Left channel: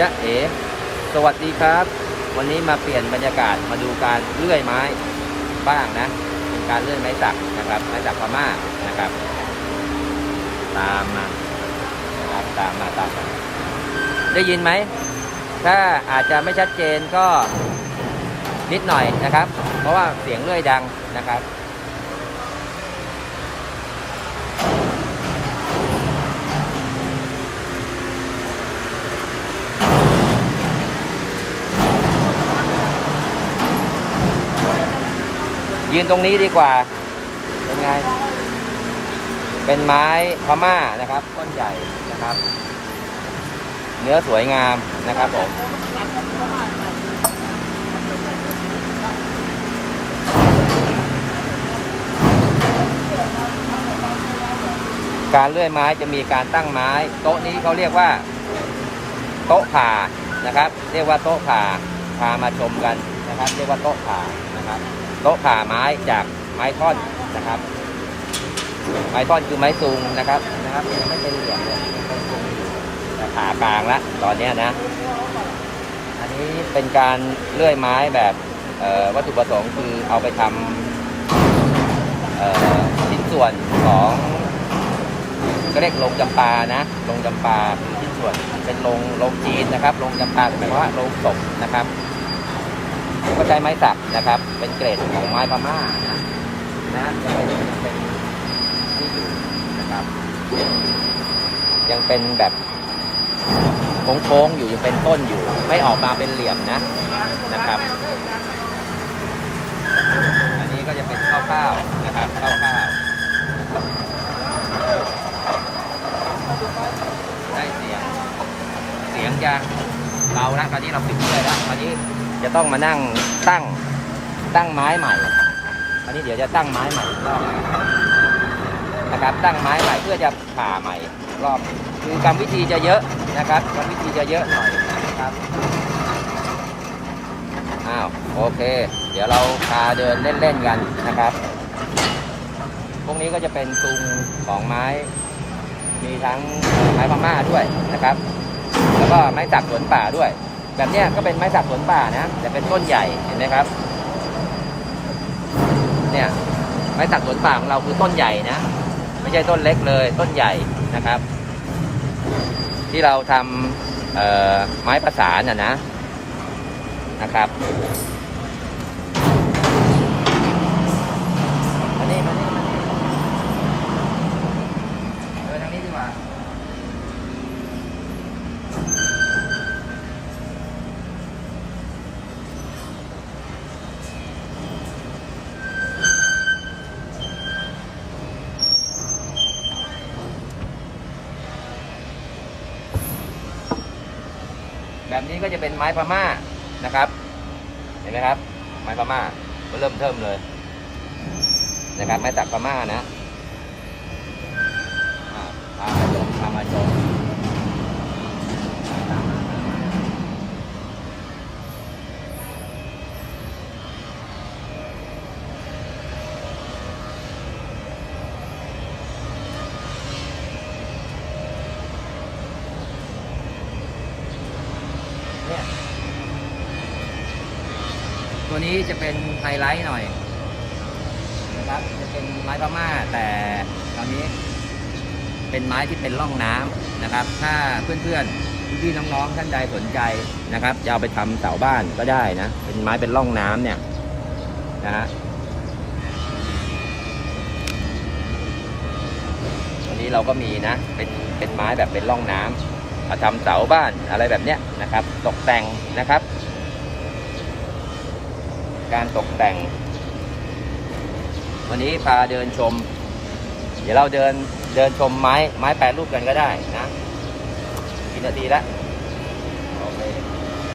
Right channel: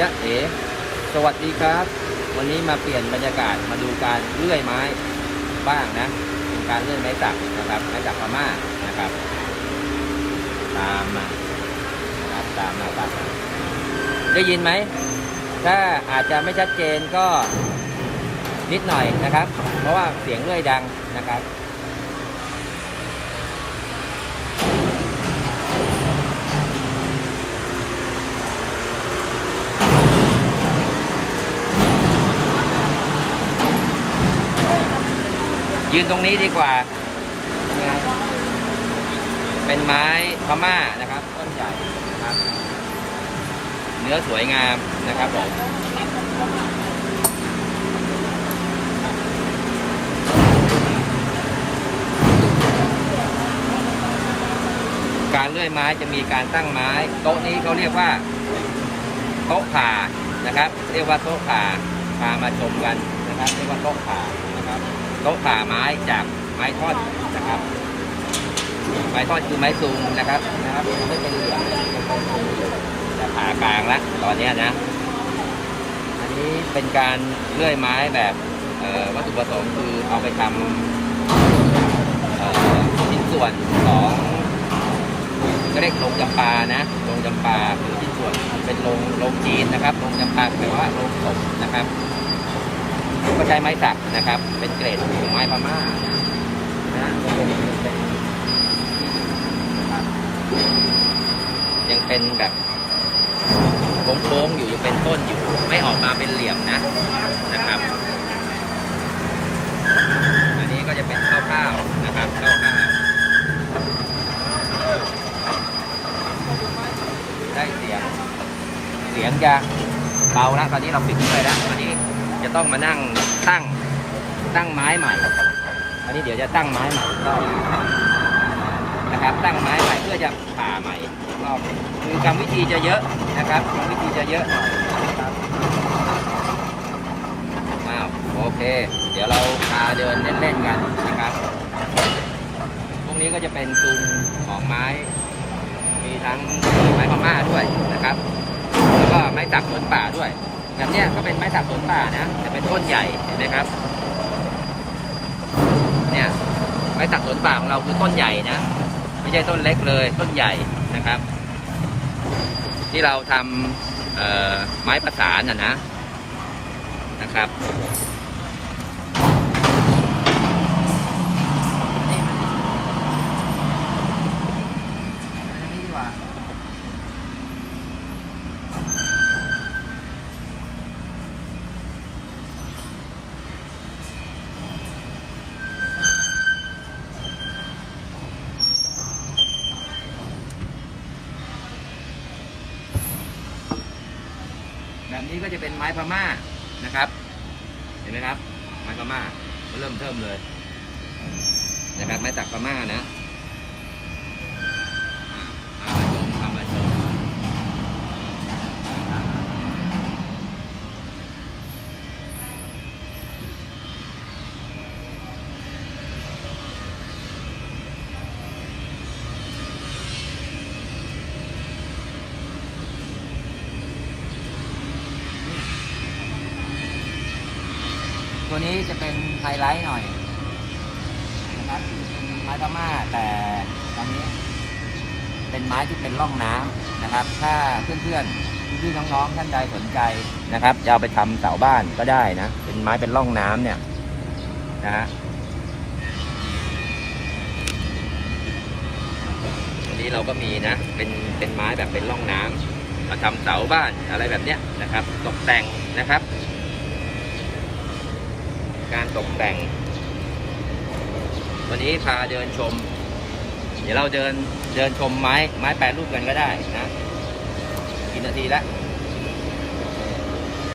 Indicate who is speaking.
Speaker 1: จ๊ะเอ๋ สวัสดีครับ วันนี้มาเปลี่ยนบรรยากาศมาดูการเลื่อยไม้บ้างนะ เป็นการเลื่อยไม้สักนะครับ ไม้สักพม่านะครับ ตามมานะครับตามมาตามมาได้ยินไหม ถ้าอาจจะไม่ชัดเจนก็นิดหน่อยนะครับ เพราะว่าเสียงเลื่อยดังนะครับ ยืนตรงนี้ดีกว่า เป็นไง เป็นไม้พม่านะครับ ต้นใหญ่นะครับ เนื้อสวยงามนะครับผมการเลื่อยไม้จะมีการตั้งไม้ โต๊ะนี้เขาเรียกว่า โต๊ะผ่านะครับ เรียกว่าโต๊ะผ่าพามาชมกันนะครับ เรียกว่าโต๊ะผ่านะครับ โต๊ะผ่าไม้จากไม้ท่อนนะครับ ไม้ท่อนคือไม้ซูมนะครับนะครับยังไม่เป็นเหลี่ยมเลยยังเป็นซูมอยู่แต่ผ่ากลางละตอนเนี้ยนะ อันนี้เป็นการเลื่อยไม้แบบวัตถุประสงค์คือเอาไปทำชิ้นส่วนของก็เรียกโรงจำปานะโรงจำปาคือชิ้นส่วนเป็นโรงโรงจีนนะครับโรงจำปาหมายว่าโรงศพนะครับ ผมก็ใช้ไม้สักนะครับ เป็นเกรดของไม้พม่านะนะยังเป็นเป็นที่อยู่นะครับ ยังเป็นแบบโค้งๆอยู่ยังเป็นต้นอยู่ ไม่ออกมาเป็นเหลี่ยมนะนะครับ อันนี้ก็จะเป็นข้าวๆนะครับข้าวๆเสียงจะเบาแล้วตอนนี้เราปิดเลยแล้วตอนนี้ จะต้องมานั่งตั้งตั้งไม้ใหม่อันนี้เดี๋ยวจะตั้งไม้ใหม่อีกรอบนะครับ ตั้งไม้ใหม่เพื่อจะผ่าใหม่รอบคือกรรมวิธีจะเยอะนะครับกรรมวิธีจะเยอะหน่อยนะครับอ้าวโอเค เดี๋ยวเราพาเดินเล่นๆกันนะครับ พวกนี้ก็จะเป็นซุงของไม้ มีทั้งไม้พม่าด้วยนะครับ แล้วก็ไม้สักสวนป่าด้วย แบบเนี้ยก็เป็นไม้สักสวนป่านะแต่เป็นต้นใหญ่เห็นไหมครับเนี่ยไม้สักสวนป่าของเราคือต้นใหญ่นะไม่ใช่ต้นเล็กเลยต้นใหญ่นะครับ ที่เราทำไม้ประสานนะนะนะครับ แบบนี้ก็จะเป็นไม้พม่านะครับ เห็นไหมครับ ไม้พม่าก็เริ่มเพิ่มเลยนะครับไม้จากพม่านะ ตัวนี้จะเป็นไฮไลท์หน่อยนะครับจะเป็นไม้พม่าแต่ตอนนี้ เป็นไม้ที่เป็นร่องน้ำนะครับ ถ้าเพื่อนๆพี่ๆน้องๆท่านใดสนใจนะครับจะเอาไปทำเสาบ้านก็ได้นะเป็นไม้เป็นร่องน้ำเนี่ยนะอันนี้เราก็มีนะเป็นเป็นไม้แบบเป็นร่องน้ำมาทำเสาบ้านอะไรแบบเนี้ยนะครับ ตกแต่งนะครับ การตกแต่ง วันนี้พาเดินชม เดี๋ยวเราเดินเดินชมไม้ไม้แปรรูปกันก็ได้นะกี่นาทีละ